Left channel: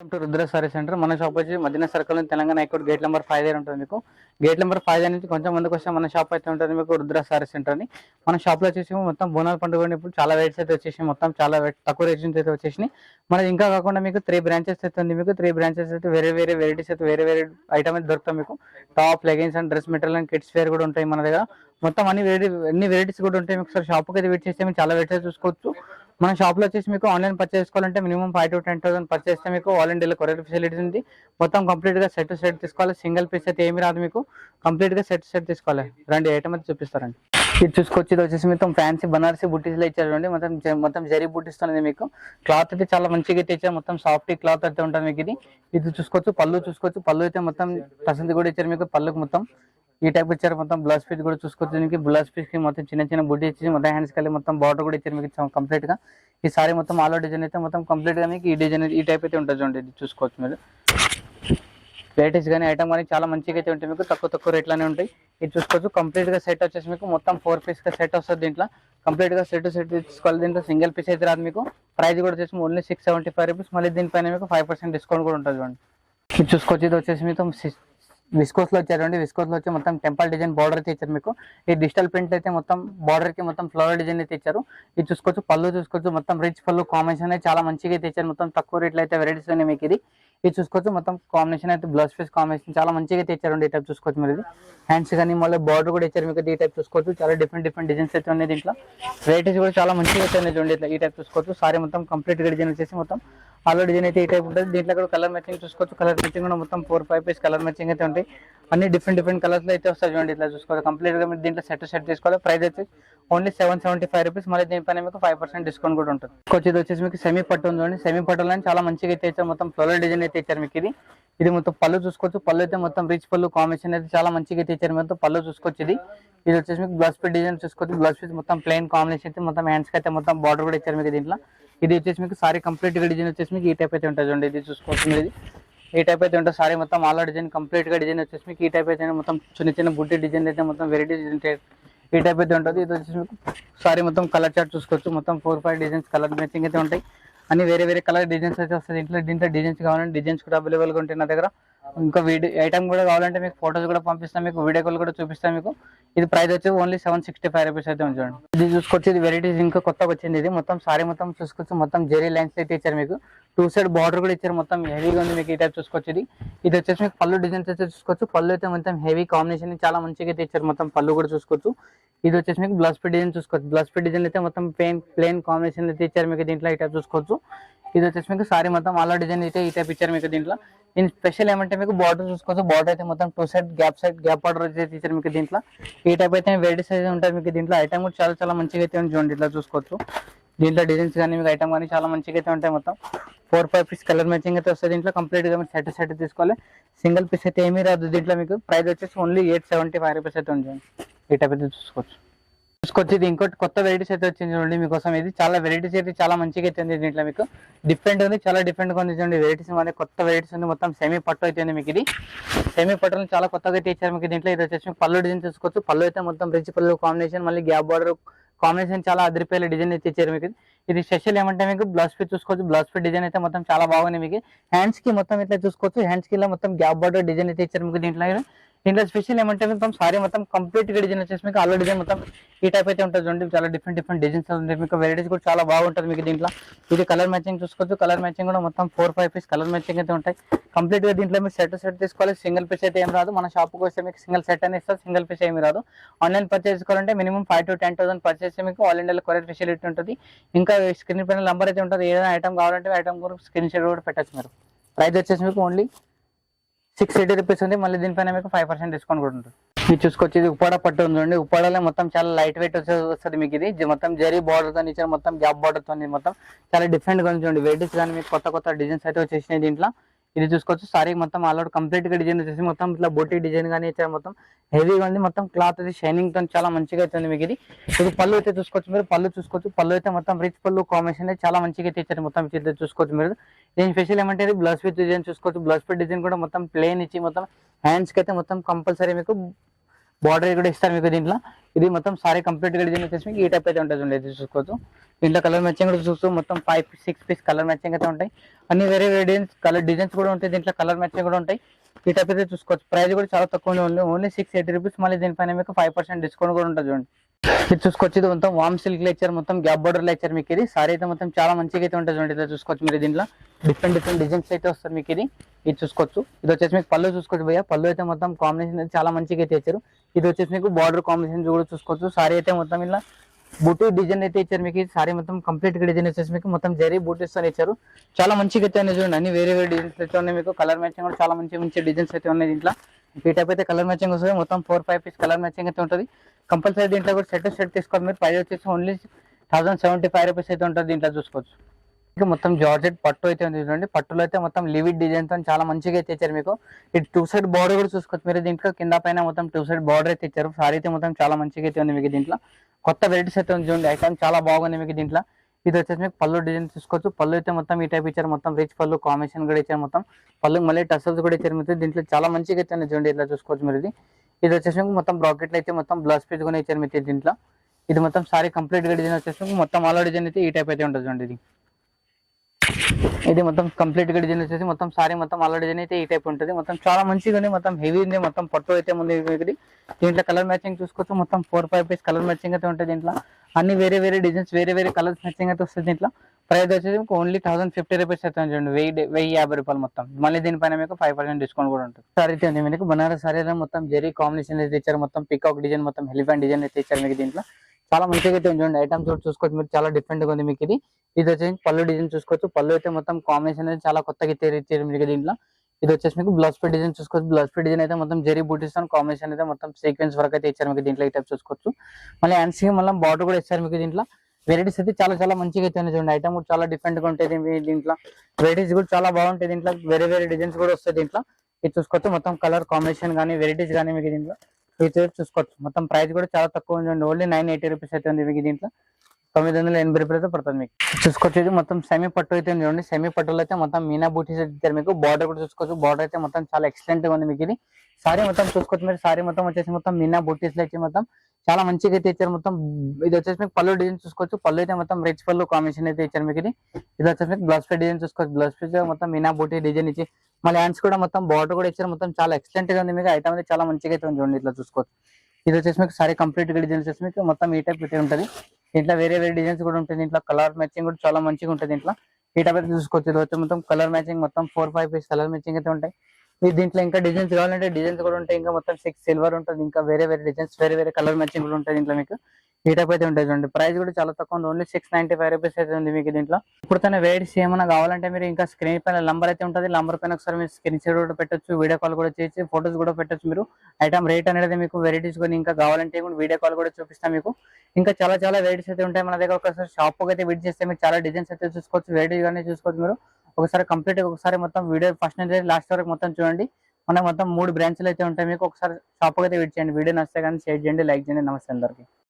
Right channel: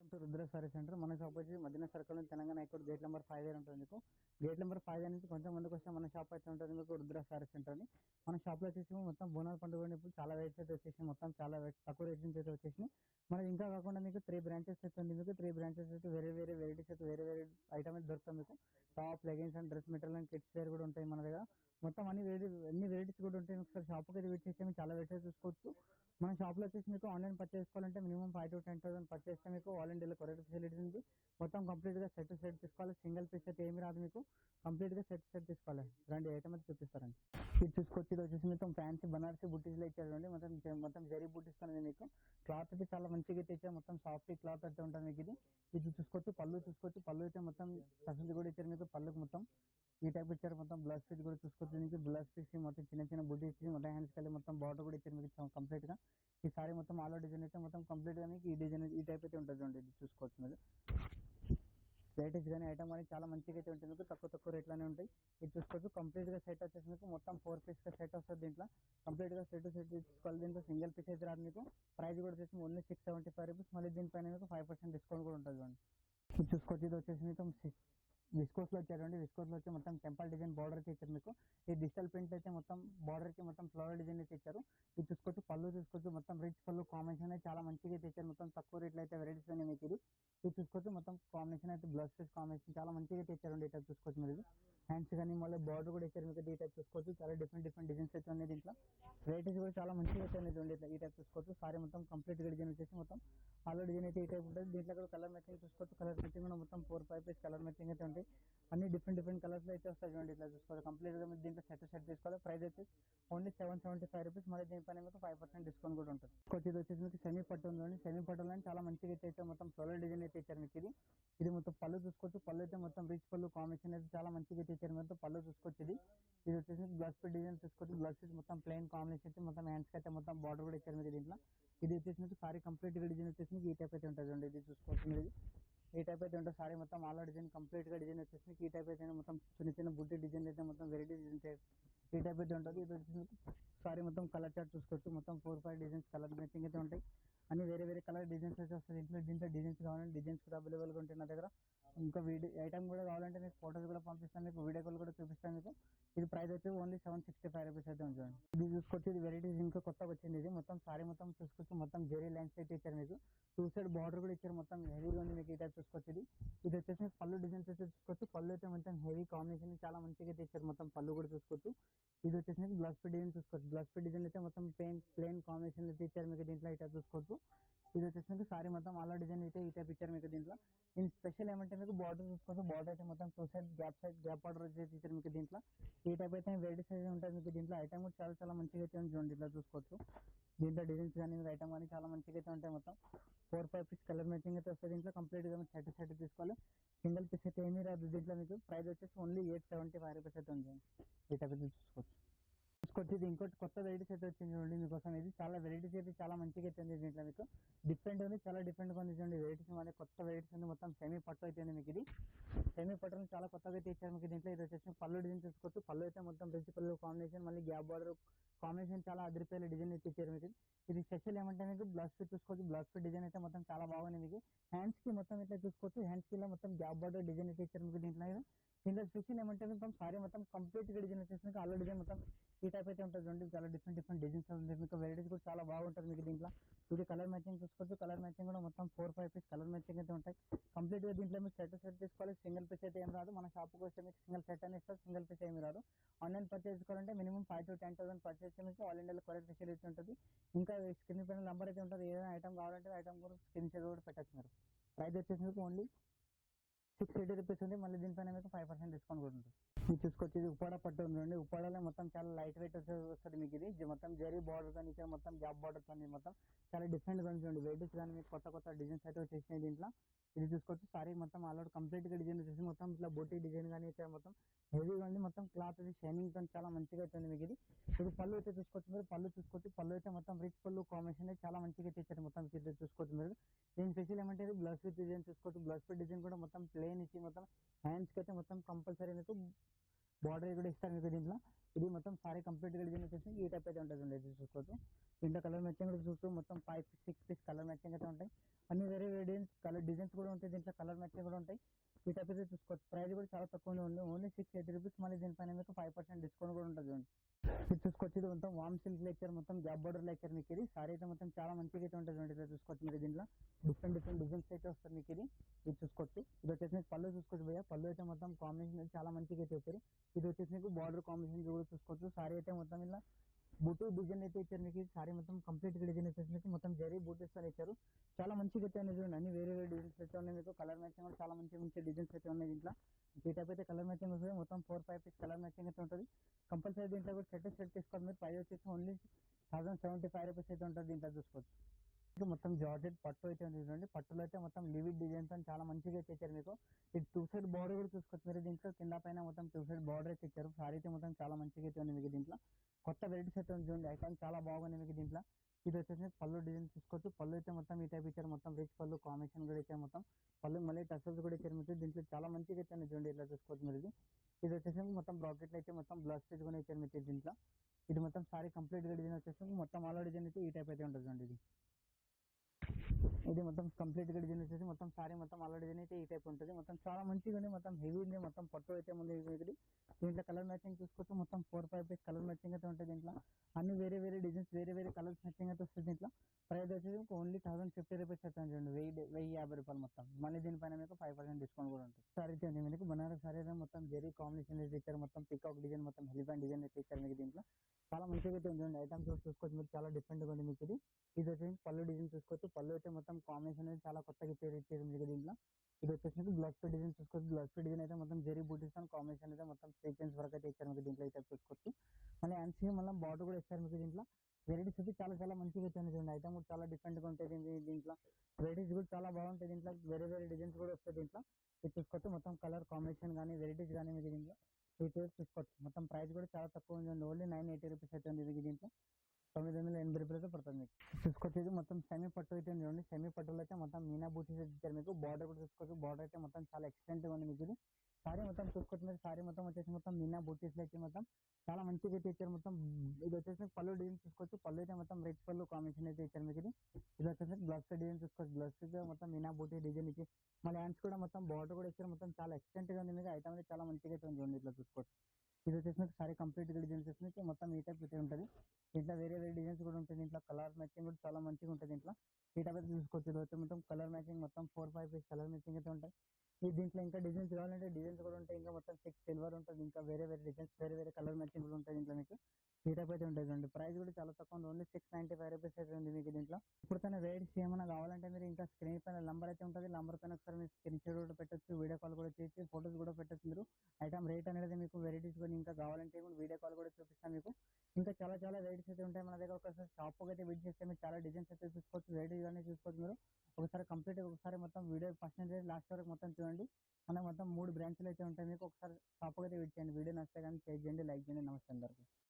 Welcome to Rudra Sari centre. మన shop వచ్చి Madina circle Telangana high court gate number 5 దగ్గర ఉంటుంది. మీకు గేట్ నెంబర్ 5 దగ్గర నుంచి కొంచెం ముందుకు వస్తే మన షాప్ అయితే ఉంటుంది మీకు రుద్ర సారీ సెంటర్ అని. మన షాప్ లో వచ్చేసి మొత్తం బోనాల పండుగ ఇప్పుడు చాలా వెరైటీస్ అయితే వచ్చేసి మొత్తం చాలా తక్కువ రేట్స్ అయితే వచ్చేసి మనది. ఇంకా కాకుండా మీకు 3 బ్రాంచెస్ అయితే ఉంది. మీకు 3 బ్రాంచెస్ అయితే వేరే వెరైటీస్ అయితే వేరే ఐటమ్ అయితే దొరుకుతాయి. మీకు top, leggings and dress material and kids wear కూడా ఉంటాయి మన దగ్గర. మొత్తం అన్ని వెరైటీస్ కూడా ఉంటాయి. మీకు సార్ షాప్కి అయితే వెయిట్ చేస్తే మీకు చాలా వెరైటీస్ చూసుకోవచ్చు. మన షాప్ లో వచ్చేసి మీకు ఆన్లైన్ పర్చేస్ చేసుకోవాలంటే మినిమం 5 to 10,000 పర్చేస్ చేస్తే మీకు ఆల్ ఇండియాలో కొరియర్ ఫెసిలిటీస్ ఉంది. మొత్తం కంప్లీట్ గా సెట్ తీసుకోవాలి. సింగిల్ పీస్ అయితే ఏమి రాదు. మీకు కంప్లీట్ గా సెట్ తీసుకోవాలి. రండి ఐటమ్ అయితే చూపిస్తారండి. ఇది చూసుకోవచ్చు. ఇది వచ్చేసి మొత్తం ఫ్యాన్సీ బనారసి బుట్టీస్ లో ఇచ్చారండి. మొత్తం జరీ బుట్టీస్ అనేది మీకు క్లాత్ అయితే చాలా మంచిగా అయితే ఇచ్చారు. మొత్తం సాఫ్ట్ క్లాత్ అయితే ఉంటుంది మీకు. ఇది చూసుకోవచ్చు. పళ్ళు చూసుకోవచ్చు. పళ్ళు అయితే మొత్తం పసంది కూడా ఇచ్చారు మీకు. పళ్ళుకి మొత్తం ఈ టైప్ ఇచ్చారు. మొత్తం బ్లౌజ్ పీస్ కూడా చూసుకోవచ్చు. దీనికి బ్లౌజ్ పీస్ కి మొత్తం చిన్న బుడ్డి ఇచ్చి మొత్తం హ్యాండ్స్ కలిగి మొత్తం బార్డర్ కూడా ఇచ్చారు మీకు కంప్లీట్ గా. ఈ సారీ మొత్తం ఆల్ డిజైన్ అయితే మొత్తం కంప్లీట్ గా మీకు ఈ డిజైన్ ఈ టైప్ అయితే ఉంటుంది చూడండి. ఇది చూసుకోవచ్చు మీరు. వెరైటీస్ కానీ ఐటమ్ కానీ చాలా మంచిగా అయితే ఉంటాయి. మీకు తక్కువ రేట్లోనే ఉంటాయి. ఇది చూసుకోవచ్చు. కంప్లీట్ గా సెట్ వచ్చేసి మీకు మొత్తం 4 పీస్ గా సెట్ వస్తుంది. దీంట్లో కంప్లీట్ గా సెట్ తీసుకోవాలి. దీంట్లో సింగిల్ పీస్ అయితే రాదు. మీకు ప్రైస్ కూడా వచ్చేసి ఓన్లీ 675 రూపీస్. మళ్ళీ దీనిపైన మీకు 5% డిస్కౌంట్ కూడా ఉంటుంది చూడండి. ఇది చూసుకోవచ్చు. ఇది వచ్చేసి మీకు విస్కోస్ లో వచ్చారండి. విస్కోస్ లో వచ్చి మొత్తం టెంపుల్ డిజైన్ బార్డర్ అయితే ఇచ్చారు మీకు. ఈ డిజిటల్ ప్రింట్ అయితే మొత్తం బార్డర్ కి మొత్తం ఫ్లవర్ డిజైన్ అయితే ఇచ్చారు. ఇది చూసుకోవచ్చు. పళ్ళు చూసుకోవచ్చు. మొత్తం రిచ్ పళ్ళు కాంబినేషన్ అయితే చాలా మంచిగా అయితే ఇచ్చారు. మొత్తం తక్కువ రేట్లు అయితే వెరైటీస్ ఉన్నాయి మీకు. ఇది చూసుకోవచ్చు. మొత్తం కాంబినేషన్ అయితే బ్లౌజ్ పీస్ కాంబినేషన్ చాలా మంచిగా అయితే ఇచ్చారు. ఈ టైప్ చూసుకోవచ్చు మీరు. ఇది హ్యాండ్స్ కానీ మళ్ళీ బార్డర్ కూడా ఇచ్చారు మీకు. ఈ టైప్ చూసుకోవచ్చు. చాలా డిఫరెంట్ డిజైన్స్ అయితే ఉన్నాయి. దీంట్లో వెరైటీస్ కూడా చాలా మంచిగా అయితే ఉన్నాయి చూడండి. ఈ టైప్ చూసుకోవచ్చు. సారీ మొత్తం కంప్లీట్ గా డిజైన్ వచ్చేసి మొత్తం ఆల్ డిజైన్ అయితే ఈ టైప్ ఉంటుంది. దీంట్లో కూడా కలర్ మ్యాచింగ్ చూసుకోవచ్చు. కలర్ మ్యాచింగ్ కూడా మొత్తం 4-5 పీస్ కలర్ మ్యాచింగ్ అయితే ఉంటాయి. అన్ని డిఫరెంట్ కలర్స్ లో అయితే వస్తాయి చూడండి. ఇట్లా చూసుకోవాలి. కంప్లీట్ గా మీరు దీంట్లో సెట్ తీసుకోవాలి. ప్రైస్ వచ్చేసి ఓన్లీ 775 రూపీస్. మళ్ళీ దీనిపైన మీకు 5% డిస్కౌంట్ కూడా ఉంటుంది. ఇది వచ్చేసి మీకు సెమీ పట్టు ఉంది చూడండి. సెమీ పట్టులో చాలా మంచిగా అయితే ఇచ్చారు. మొత్తం ఫ్లోరల్ డిజైన్ అయితే ఇచ్చారు మీకు. ఇది మొత్తం పళ్ళు చూసుకోవచ్చు. పళ్ళు అయితే మొత్తం రిచ్ పళ్ళు కాంబినేషన్ అయితే చాలా మంచిగా అయితే ఇచ్చారు. మొత్తం పళ్ళు చూసుకోవచ్చు. ఇది వచ్చేసి మీకు బ్లౌజ్ పీస్ డిజైన్ చూసుకోవచ్చు. బ్లౌజ్ పీస్ మొత్తం ప్లెయిన్ కాంబినేషన్ అయితే మొత్తం హ్యాండ్స్ కి అయితే మొత్తం బార్డర్ కూడా ఇచ్చారు మీకు దీంట్లో. ఇది వచ్చేసి మీకు సారీ కంప్లీట్ గా డిజైన్ వచ్చేసి మీకు ఈ టైప్ అయితే ఉంటుంది చూడండి. ఇది చూసుకోవచ్చు మీరు. ఈ టైప్ అయితే ఉంటుంది. సారీ మొత్తం ఆల్ డిజైన్ కంప్లీట్ గా డిజైన్ వచ్చేసి మీకు ఈ టైప్ అయితే మొత్తం చిన్న బుట్టి డిజైన్ అయితే మొత్తం వెరైటీ డిజైన్ ఈ టైప్ అయితే ఉంటుంది. ఇది వచ్చేసి మీకు సారీ మొత్తం కలర్ చార్ట్ చూసుకోవచ్చు. మొత్తం 4-5 డిజైన్స్ కలర్ మ్యాచింగ్ అయితే ఉంటాయి. అన్ని వేరే కలర్ డిజైన్స్ అయితే వస్తాయి. దీంట్లో డిజైన్స్ కావాలంటే డిజైన్స్ కూడా అవైలబుల్ గా ఉంటాయి నా దగ్గర. ఇంకా వీడియో ఐటమ్ కూడా కావాలంటే మీకు ఫోటోస్ కూడా పంపిస్తాం. మీకు వీడియో కాల్ కూడా చూపిస్తాం మీకు. ఇది ప్రైస్ వచ్చి ఓన్లీ 765 రూపీస్ అయితే ఉంచండి. ఇది చూసుకోవచ్చు. ఇది వెరైటీస్ ఇంకా కొత్తగా వచ్చింది. ఇది మొత్తం సారీ మొత్తం చూసుకోవచ్చు. మొత్తం జెరీ లైన్స్ అయితే ఇచ్చారు మీకు. 2 సైడ్ బార్డర్ కూడా ఇచ్చారు. మొత్తం హెవీగా ఉంది మీకు. ఈ టైప్ చూసుకోవచ్చు. ఇది వచ్చేసి మీకు పళ్ళు డిజైన్స్ అయితే చూసుకోవచ్చు. పళ్ళు అయితే మొత్తం హెవీ కాంబినేషన్ చాలా మంచిగా అయితే ఇచ్చారు. మొత్తం పళ్ళు కూడా చూసుకోవచ్చు. ఇది వచ్చేసి మీకు బ్లౌజ్ పీస్ డిజైన్ చూసుకోవచ్చు. బ్లౌజ్ పీస్ డిజైన్ అయితే మొత్తం ప్లెయిన్ కాంబినేషన్ అయితే ఇచ్చారు మీకు. దీంట్లో ఈ టైప్ చూసుకోవచ్చు. ఇది వచ్చేసి మీకు సారీ మొత్తం ఆల్ డిజైన్ అయితే ఈ టైప్ ఇచ్చారు మీకు. దీంట్లో దీని స్పెషల్ ఏమంటే మీకు బార్డర్ చూసుకోవచ్చు. బార్డర్ అయితే మొత్తం 2 సైడ్ గ్యాప్ బార్డర్ అయితే ఇచ్చారు మీకు. దీంట్లో ఈ టైప్ అయితే వెరైటీస్ అయితే ఉంటాయి మీకు. దీంట్లో ఐటమ్ కూడా చాలా మంచిగా అయితే ఉంది చూడండి. ఇట్లా చూసుకోవచ్చు. దీంట్లో డిజైన్స్ కానీ మీకు ఐటమ్ కానీ చాలా మంచిగా అయితే ఉంటాయి. మొత్తం 4-5 పీస్ కలర్ మ్యాచింగ్ అయితే వస్తుంది. దీంట్లో కంప్లీట్ గా మీరు సెట్ తీసుకోవాలి. సింగిల్ పీస్ అయితే ఏమీ రాదు. దీంట్లో మీకు ప్రైస్ వచ్చేసి ఓన్లీ 875 రూపీస్ అయితే ఉంది. ఈ టైప్ అయితే చూసుకోవచ్చు. ఇది ఇంకోటి కొత్త వెరైటీస్ అయితే వచ్చింది చూడండి మీకోసం. ఇది చాలా వెరైటీస్ అయితే చాలా మంచిగా అయితే ఉంది. దీంట్లో మీకు డిఫరెంట్ ఉంది. చాలా డిఫరెంట్ గా ఉంది చూడండి. వెరైటీస్ అనేది కొత్త వెరైటీస్ ఉంది. మొత్తం సెమీ పట్టు అయితే ఉంది మీకు. ఇది సెమీ పట్టులో చాలా కొత్తగా అయితే ఇచ్చారు మీకు. దీంట్లో ఇది వచ్చేసి పళ్ళు డిజైన్ చూసుకోవచ్చు. పళ్ళు అయితే మొత్తం రిచ్ పళ్ళు కాంబినేషన్ మళ్ళీ గ్యాప్ బార్డర్ కాంబినేషన్ చాలా అదిరిపోయే డిజైన్ అయితే ఇచ్చారు మీకు. ఇది స్పెషల్ ఏమంటే మీకు బ్లౌజ్ పీస్ చూసుకోవచ్చు. బ్లౌజ్ పీస్ డిజైన్ అయితే మొత్తం చాలా బాగుంది మీకు. హ్యాండ్స్ కి మొత్తం ఇట్లా చూసుకోవచ్చు. హ్యాండ్స్ కి ఇలా మొత్తం గ్యాప్ బార్డర్ డిజైన్ అయితే ఇచ్చారు మీకు. దీంట్లో స్పెషల్ ఏమంటే మొత్తం సారీ మొత్తం కంప్లీట్ గా డిజైన్ వచ్చేసి మీకు ఆల్ డిజైన్ మొత్తం ఈ టైప్ అయితే ఉంటుంది చూడండి. చాలా డిఫరెంట్ డిజైన్స్ ఉంటాయి మీకు. వెరైటీస్ కూడా చాలా బాగుంటుంది మీకు. దీంట్లో ఇది కలర్ మ్యాచింగ్ చూసుకోవచ్చు. కలర్ మ్యాచింగ్ కూడా మొత్తం 4-5 పీస్ కలర్ మ్యాచింగ్ అయితే ఉంటాయి. కంప్లీట్ గా దీంట్లో మీరు సెట్ తీసుకోవాలి. సింగిల్ పీస్ అయితే ఏం రాదు. మన షాప్కి వస్తే మీకు సింగిల్ సెట్ అని ఇస్తారు. సింగిల్ పీస్ ఏమి రాదు. ఆన్లైన్ పర్చేస్ చేసుకోవాలంటే మినిమం 5 to 10,000 పర్చేస్ మీకు ఆల్ ఇండియాలో కొరియర్ ఫెసిలిటీ ఉంటుంది. ఇంకా స్క్రీన్ పైన నంబర్ అయితే ఉంటుంది. ఏదైనా ఐటమ్ కావాలంటే ఐటమ్ కూడా స్క్రీన్ షాట్ కూడా పెట్టచ్చు మీరు. ప్రైస్ వచ్చేసి మీకు ఓన్లీ 680 రూపీస్ ఉంది. మళ్ళీ దీనిపైన మీకు 5% డిస్కౌంట్ కూడా ఉంటుంది. మీరు చూసుకోవచ్చు. ఇది ఉప్పాడ పట్టు ఉందండి. ఉప్పాడలో మొత్తం చాలా లైట్ వెయిట్ వస్తుంది మీకు. ఇది మొత్తం జరీ బార్డర్ తో ఇచ్చారు. మొత్తం గ్యాప్ బార్డర్ తో మొత్తం చాలా డిఫరెంట్ గా ఉంది. వెరైటీస్ కానీ మీకు కొత్త డిజైన్స్ అయితే వచ్చేసినాయి దీంట్లో. ఇది చూసుకోవచ్చు. సారీ మొత్తం ఆల్రెడీ కంప్లీట్ గా డిజైన్ వచ్చేసి మొత్తం ఇట్లా బొట్టి డిజైన్ కానీ ఇచ్చారు. మొత్తం హెవీగా ఉంది. మొత్తం క్లాత్ అయితే షైనింగ్ తో చాలా మంచిగా అవుతుంది మీకు. ఇది పళ్ళు అయితే చూసుకోవచ్చు మీరు. పళ్ళు చూసుకోవచ్చు. పళ్ళు అయితే మొత్తం రిచ్ పళ్ళు కాంబినేషన్ అయితే చాలా మంచిగా అయితే ఇచ్చారు. మొత్తం చూసుకోవచ్చు మీరు. దీని స్పెషల్ ఏమంటే బ్లౌజ్ పీస్ డిజైన్ చూసుకోవచ్చు. బ్లౌజ్ పీస్ డిజైన్ కూడా మొత్తం ప్లెయిన్ ఇచ్చి మొత్తం హ్యాండ్స్ కి అయితే మొత్తం కంపల్సరీ మీకు బార్డర్ కూడా ఇస్తారు మీకు దీంట్లో. ఇది మొత్తం సారీ కంప్లీట్ గా డిజైన్ వచ్చేసి మీకు ఈ టైప్ అయితే ఉంటుంది. ఇది చూసుకోవచ్చు. దీంట్లో కలర్ మ్యాచింగ్ కూడా చూస్తూ మొత్తం 5-6 పీస్ కలర్ మ్యాచింగ్ అయితే ఉంటాయి. అన్ని వేరే వేరే కలర్ డిజైన్స్ కూడా ఉంటాయి. దీంట్లో కలర్ మ్యాచింగ్ కూడా ఉంటాయి. ఈ టైప్ అయితే చూసుకోవచ్చు. ప్రైస్ కూడా చాలా తక్కువ ఉంది, ఓన్లీ 680 రూపీస్. మళ్ళీ దీనిపైన మీకు 5% డిస్కౌంట్ కూడా ఉంటుంది చూడండి. ఇది చూసుకోవచ్చు. ఇది మొత్తం వామ్ సిల్క్ లెక్చర్, మొత్తం గ్యాప్ బోర్డర్ లెక్చర్ మీకు. ఇది సారీ అయితే మొత్తం చాలా మంచిగా అయితే ఉంటుంది చూడండి. ఇలా చూసుకోవచ్చు మీరు. దీంట్లో డిఫరెంట్ డిజైన్స్ అయితే వస్తారు మీకు. ఇది చూసుకోవచ్చు. ఇది వచ్చేసి మీకు పళ్ళు చూసుకోవచ్చు భయ్య. పళ్ళు అయితే మొత్తం కాంబినేషన్ అయితే చాలా మంచిగా అయితే ఇచ్చారు. ఇది వచ్చేసి మీకు బార్డర్ కాంబినేషన్ కూడా చూసుకోవచ్చు. సారీ అయితే మొత్తం ఇలా బూటీ డిజైన్ అయితే ఇచ్చారు మీకు. సారీ మొత్తం కంప్లీట్ గా డిజైన్ వచ్చేసి మీకు మొత్తం జరీ బూటీస్ తో ఇచ్చారు. చాలా మంచిగా అయితే ఉన్నాయి చూడండి. అన్ని వేరే వేరే డిజైన్స్ అయితే ఉన్నాయి మీకు. కలర్ మ్యాచింగ్ కూడా చాలా మంచి డిజైన్స్ అయితే ఉన్నాయి దీంట్లో. ఈ టైప్ అయితే కలర్ మ్యాచింగ్ వస్తుంది. మొత్తం 4-5 పీస్ కలర్ మ్యాచింగ్ అయితే ఉంటుంది. కంపల్సరీ దీంట్లో కూడా సెట్ తీసుకోవాలి మీరు. ప్రైస్ వచ్చేసి ఓన్లీ 1075 రూపీస్ అయితే ఉంటుంది. దీంట్లో చూసుకోవచ్చు. ఇంకా మొత్తం జార్జెట్ పట్టు అయితే ఉంది చూడండి. పట్టులో అయితే మొత్తం లివిడ్ డిజైన్ తో చాలా మంచిగా అయితే ఇచ్చారు మీకు. ఇటు 2 సైడ్ బార్డర్ కూడా చూసుకోవచ్చు మీరు. దీంట్లో కింద పైన మొత్తం 2 సైడ్ బార్డర్ అయితే ఇచ్చారు. సారీ అయితే మొత్తం చాలా మంచిగా అయితే ఉంది మీకు. దీంట్లో కొత్త వెరైటీస్ అయితే ఉంది చూడండి. ఐటమ్ చాలా బాగుంది మీకు దీంట్లో. ఇది వచ్చేసి మీకు పళ్ళు డిజైన్ చూసుకోవచ్చు. పళ్ళు అయితే మొత్తం ఈ టైప్ ఇచ్చారు. మొత్తం రిచ్ పళ్ళు కాంబినేషన్ కూడా ఇచ్చారు. మొత్తం పళ్ళు మళ్ళీ టసల్స్ కూడా ఇచ్చారు మీకు. దీంట్లో చాలా మంచిగా అయితే ఉంది చూడండి. ఇట్లా చూసుకోవచ్చు మీరు. ఇది వచ్చేసి మొత్తం బ్రాకెట్లు అయితే మొత్తం బ్లౌజ్ పీస్ కూడా ఇచ్చారు మీకు దీంట్లో. ఇది మొత్తం సారీ కంప్లీట్ గా డిజైన్ వచ్చేసి మొత్తం ఆల్ డిజైన్ అయితే ఈ టైప్ అయితే ఉంటుంది చూడండి. ఇది మొత్తం కంప్లీట్ గా డిజైన్ వచ్చేసి మొత్తం సారీ మొత్తం ఆల్ డిజైన్ అయితే ఈ టైప్ ఉంటుంది. మొత్తం చాలా మంచిగా ఉంది. మొత్తం హెవీ ఉంది. మొత్తం పట్టు అయితే ఉంది మీకు. దీంట్లో కలర్ మ్యాచింగ్ చూసుకోవచ్చు. మొత్తం 4-5 పీస్ కలర్ మ్యాచింగ్ అయితే ఉంటుంది దీంట్లో. అన్ని వేరే వేరే డిజైన్స్ వేరే కలర్స్ మ్యాచింగ్ అయితే వస్తుంది దీంట్లో. ప్రైస్ వచ్చేసి మీకు ఓన్లీ 1050 రూపీస్ అయితే చూడండి. 1050 రూపాయలు మొత్తం. మళ్ళీ దీనిపైన మీకు 5% డిస్కౌంట్ కూడా ఉంటుంది. సారీ అయితే ఉంది మీకు. బనారస్ సారీ మొత్తం జెరీ కాంబినేషన్ అయితే ఇచ్చారు. మొత్తం పికాక్ డిజైన్, మొత్తం ఎలిఫెంట్ డిజైన్ అయితే ఇచ్చారు మీకు దీంట్లో. చాలా మంచిగా అయితే చూడండి. ఐటమ్స్ కూడా చూసుకోవచ్చు మీరు. చాలా డిఫరెంట్ గా ఉంది మీకు. ఇది వచ్చేసి పళ్ళు డిజైన్ చూసుకోవచ్చు. పళ్ళు అయితే మొత్తం కాంబినేషన్ అయితే చాలా కొత్తగా ఇచ్చారు మీకు దీంట్లో. ఇది వచ్చేసి మీకు బ్లౌజ్ పీస్ డిజైన్ చూసుకోవచ్చు. బ్లౌజ్ పీస్ డిజైన్ అయితే మొత్తం జెరీ బూటీస్ కాంబినేషన్ అయితే మొత్తం సీక్వెన్స్ వర్క్ అయితే ఇచ్చారు మీకు దీంట్లో. ఈ టైప్ చూసుకోవచ్చు. మళ్ళీ హ్యాండ్స్ కి మళ్ళీ బార్డర్ కూడా ఇచ్చారు మీకు దీంట్లో. వెరైటీస్ అయితే చాలా మంచిగా అయితే చూడండి. ఐటమ్ కూడా చాలా డిఫరెంట్ గా ఉంటాయి దీంట్లో. వెరైటీస్ కూడా చాలా బాగుంటాయి దీంట్లో. వేరే డిజైన్స్ కూడా వస్తాయి దీంట్లో. ఇది చూసుకోవచ్చు. మొత్తం కలర్ కాంబినేషన్ కానీ వెరైటీస్ కానీ మీకు దీంట్లో ఇది చూసుకోవచ్చు. మొత్తం ప్రైస్ కూడా చాలా తక్కువ ఉంది. ఓన్లీ 980 రూపీస్ అయితే ఉంది మీకు దీంట్లో. 980 రూపాయలు అయితే పడుతుంది మీకు. చూసుకోవచ్చు. ఇది మొత్తం సెమీ పట్టు అయితే చూడండి. సెమీ పట్టులో అయితే మొత్తం మీనా బూటీస్ అయితే ఇచ్చారు మీకు. బార్డర్ కూడా చూసుకోవచ్చు. బార్డర్ అయితే మొత్తం చాలా ఎక్సలెంట్ గా ఉంది మీకు. సారీ మొత్తం చూసుకోవచ్చు మీరు. సారీ మొత్తం వచ్చేసి మొత్తం మీనా బూటీస్ లో ఇచ్చి మొత్తం చాలా మంచిగా అయితే ఇచ్చారు మొత్తం. ఇది వచ్చేసి మీకు పళ్ళు డిజైన్ చూసుకోవచ్చు. పళ్ళు అయితే మొత్తం రిచ్ పళ్ళు కాంబినేషన్ అయితే ఇచ్చారు మీకు. ఇది వచ్చేసి మీకు బ్లౌజ్ పీస్ డిజైన్ చూసుకోవచ్చు. బ్లౌజ్ పీస్ మొత్తం మీనా బూటీ డిజైన్ ఇచ్చి మళ్ళీ హ్యాండ్స్ కూడా మొత్తం బార్డర్ కూడా ఇచ్చారు. మొత్తం చాలా ఎక్సలెంట్ గా ఉంది మీకు. ఐటమ్ అయితే చాలా మంచిగా అయితే ఉంది చూడండి. ఇట్లా చూసుకోవచ్చు. ఇది వచ్చేసి మీకు సారీ కంప్లీట్ గా డిజైన్ వచ్చేసి మీకు మొత్తం ఈ టైప్ అయితే ఉంటుంది. దీంట్లో వేరే డిజైన్స్ కూడా ఉంటాయి. దీంట్లో కలర్ మ్యాచింగ్ కూడా చాలా మంచిగా ఉంటుంది దీంట్లో. ఈ టైప్ అయితే చూసుకోవచ్చు. ఇది వచ్చి మొత్తం కలర్ మ్యాచింగ్ మొత్తం 4-5 పీస్ కలర్ మ్యాచింగ్ అయితే ఉంటాయి. మీరు దీంట్లో ఇంకా డిజైన్స్ కావాలంటే డిజైన్స్ కూడా ఉంటాయి. ఇంకా మొత్తం 6 సిల్వర్ ఉంటుంది. ఇంకా వేరే డిజైన్స్ వేరే కలర్ మ్యాచింగ్ కూడా ఉంటాయి దీంట్లో మీకు. ఈ టైప్ అయితే ఉంటుంది చూడండి. ప్రైస్ కూడా చాలా తక్కువ ఉంది. ఓన్లీ 695 రూపీస్ అయితే ఉంది మీకు దీంట్లో. ఇప్పుడు తన వెరైటీస్ ఏమైనా కావాలంటే మీరు ఇంకా స్క్రీన్ పైన నంబర్ అయితే ఉంటుంది. నంబర్ పైన ఒకసారి మీరు స్క్రీన్ షాట్ కూడా పెట్టొచ్చు. వీడియో కాల్ కూడా చేసి ఫోటోస్ కూడా పెట్టొచ్చు మీరు. ఐటమ్ రేట్ అనేది మీకు వెరైటీస్ కూడా ఇంకా కావాలంటే కూడా వీడియో కాల్ కూడా చూపిస్తాం మీకు. ఇంకా చాలా వెరైటీస్ అయితే ఉంటాయి మన దగ్గర. ఒకసారి షాప్ అయితే విజిట్ చేస్తే మీకు చాలా డిజైన్స్ అయితే చూసుకోవచ్చు. వెరైటీస్ కానీ చూసుకోవచ్చు మీరు. ఒకసారి కంప్లీట్ ఒకసారి మొత్తం వీడియో ఫస్ట్ నుంచి లాస్ట్ వరకు మొత్తం చూడండి. మనకు మొత్తం 3 బ్రాంచ్లు అయితే ఉంటాయి మీకు. ఒకసారి షాప్ అయితే విజిట్ చేయండి. వీడియో నచ్చితే కానీ షేర్ చేయండి, లైక్ చేయండి. నమస్తే అందరికి.